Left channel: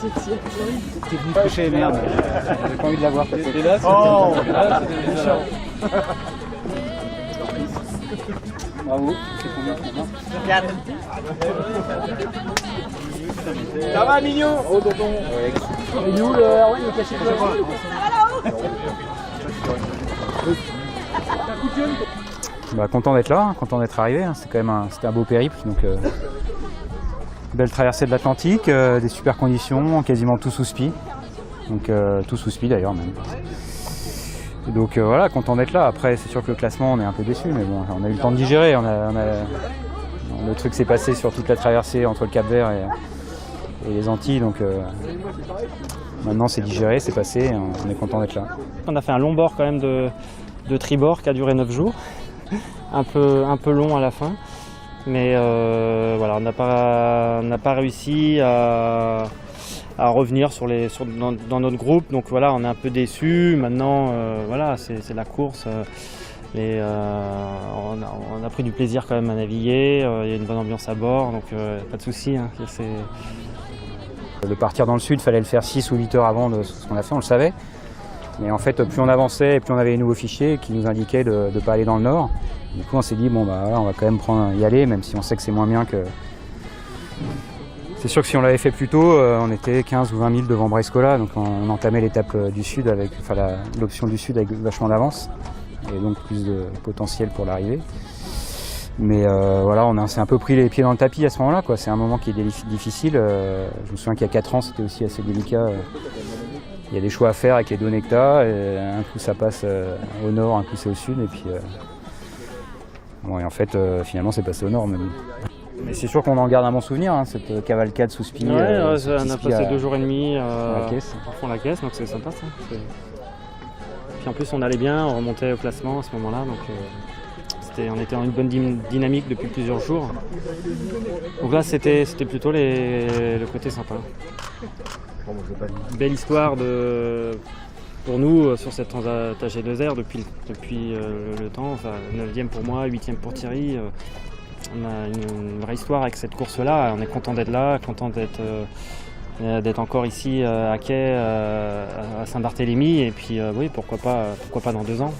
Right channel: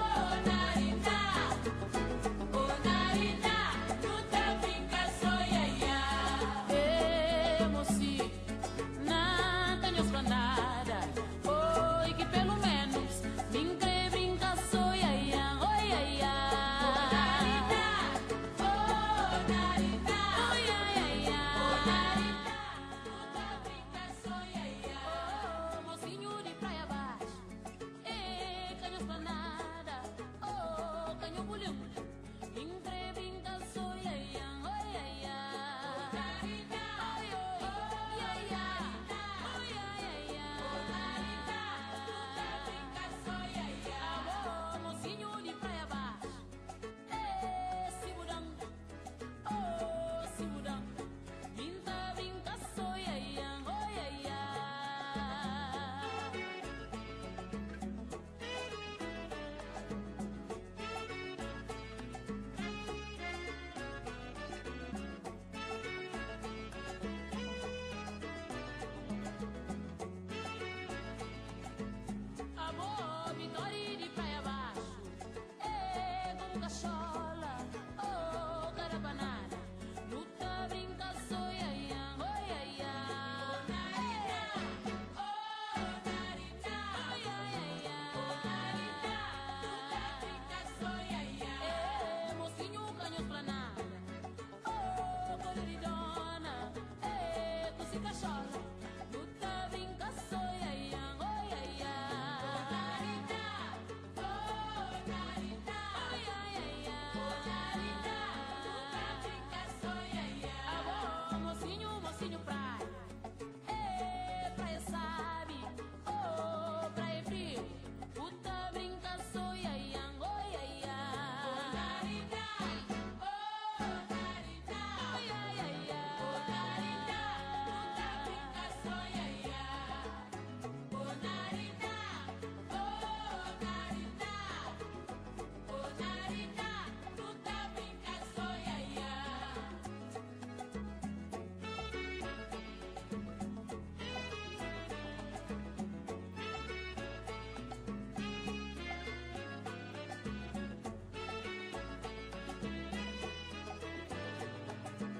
C'est venu coucher, merde. J'ai pas envie de la voir. Oh, Bravo. ça va, Mignon? Oh, bon. Et nous, le Erwin, il est caché Bah, content d'être là, content d'être arrivé. Hein. C'est quand même c'était un beau périple. Donc, belle traversée de l'Atlantique, des super conditions, quasiment tout sous spi. Donc tout sous spi d'ailleurs même. Donc voilà, content d'être là. Après, c'est sûr que le classement, on est un peu déçu, mais bon, on a eu le temps de digérer. Le truc s'est passé sur toute la traversée entre le Cap-Vert et les Antilles. Donc maintenant, c'est digéré, c'est passé. Et on est content d'être là. On a fait un long bord quand même de tribord qui a duré 9 jours. Un peu long à la fin. Mais voilà, on n'a pas réussi à revenir dans notre groupe. Donc voilà, on est un peu déçus. Maintenant, voilà, c'est la course. Et on a pris du plaisir quand même à naviguer. Il y a une bonne ambiance à bord, donc pas de souci. Hein, de partir dans le sud, il fallait le faire 6 ou 8 heures avant de ce qu'on a fait, on le savait. Mais en fait, plus on avançait, plus on avait les nouveaux fichiers qui nous indiquaient de ne pas aller dans le nord. Du coup, on s'est dit, bon, bah, on va quand même y aller, même si on sait que c'est moins bien que... C'est sûr que si on l'avait fait plus tôt, on était 15 ou 20 000 devant Brescola, donc on entamait l'étape du sud, l'option du sud avec vachement d'avance, et donc plus de potentiel pour l'arrivée. Mais voilà, on s'est un peu pris les pieds dans le tapis à ce moment-là, quoi. C'est un moment qui est difficile. Je me souviens qu'il y a 4 ans, c'était aussi assez délicat. Il y a des choix à faire avec les données que tu as, et un coup ça passe au nord, un coup c'est au sud, et puis bon, et en fait finalement c'est passé au nord. Mais c'est sûr qu'on en garde un bon souvenir, hein, cette cavalcade sous spi. Ouais, on a passé 2 jours et demi à fond la caisse, donc c'est sympa ça. Puis en plus on allait bien, on remontait au classement à ce moment-là, donc on était dans une bonne dynamique depuis plusieurs jours. Donc là c'était plutôt le côté sympa. Belle histoire pour nous sur cette Transat AG2R depuis le temps, enfin 9e pour moi, 8e pour Thierry. On a une vraie histoire avec cette course-là, on est content d'être là, content d'être encore ici à quai, à Saint-Barthélemy, et puis oui, pourquoi pas dans 2 ans.